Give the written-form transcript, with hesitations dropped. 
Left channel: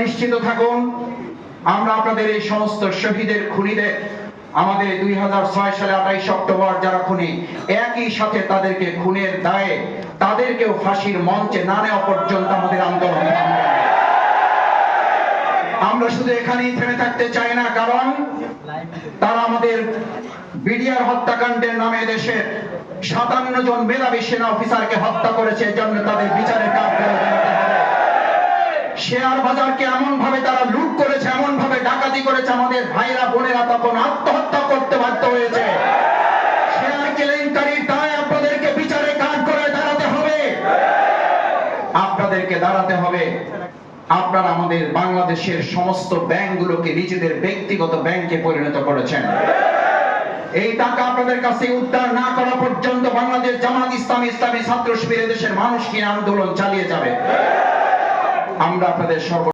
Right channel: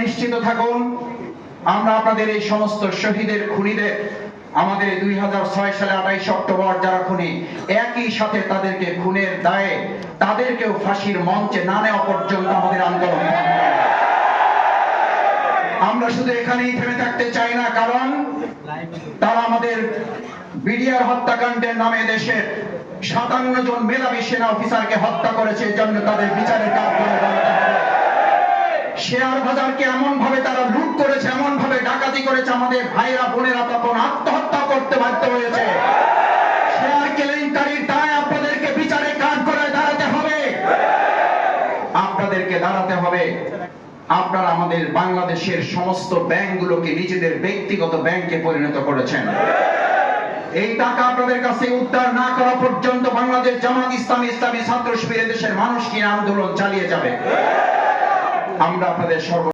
নিশ্চিত থাকুন, আমরা আপনাদের এই সমস্ত শহীদের খুনিদের, আমাদের 2006 সালে 28 অক্টোবর যারা খুনি, একই সাথে তাদেরকে খুনের দায়ে তাদেরকেও ফাঁসির মঞ্চে না নেওয়া পর্যন্ত আমাদের আন্দোলন থামবে। আমরা শুধু এখানেই থেমে থাকতে চাই না, কারণ তারা আমাদের বিডিআর হত্যাকাণ্ডের নামে দেশের 57 জন মেধাবী সেনা অফিসারকে হত্যা করেছে, জন্য তাদের বিচারের কাঠগড়ায় দাঁড়াতে হবে। শেয়ার বাজারকে এমন ভাবে তারা লুট করেছে, এমন ভাবে ডাকাতি করেছে, আমাদের ভাইরা বোনেরা তখন আত্মহত্যা করতে বাধ্য হয়েছে। শেয়ার কেলেঙ্কারির দায় আপনাদেরকে বিচারের কাঠগড়ায় দাঁড়াতে হবে, আপনাদেরকে দাঁড়াতে হবে। আপনারা আমাদের বাংলাদেশের সমস্ত ব্যাংকগুলোকে নিজেদের ব্যক্তিগত ব্যাংকে পরিণত করেছেন। এই টাকা আপনাদের কাছে উদ্ধার না করা পর্যন্ত বাংলাদেশ জামাত ইসলামী, ইসলামী ছাত্র শিবির দেশের মানুষ নিয়ে আন্দোলন চালিয়ে যাবে। আমরা আপনাদের সর্ব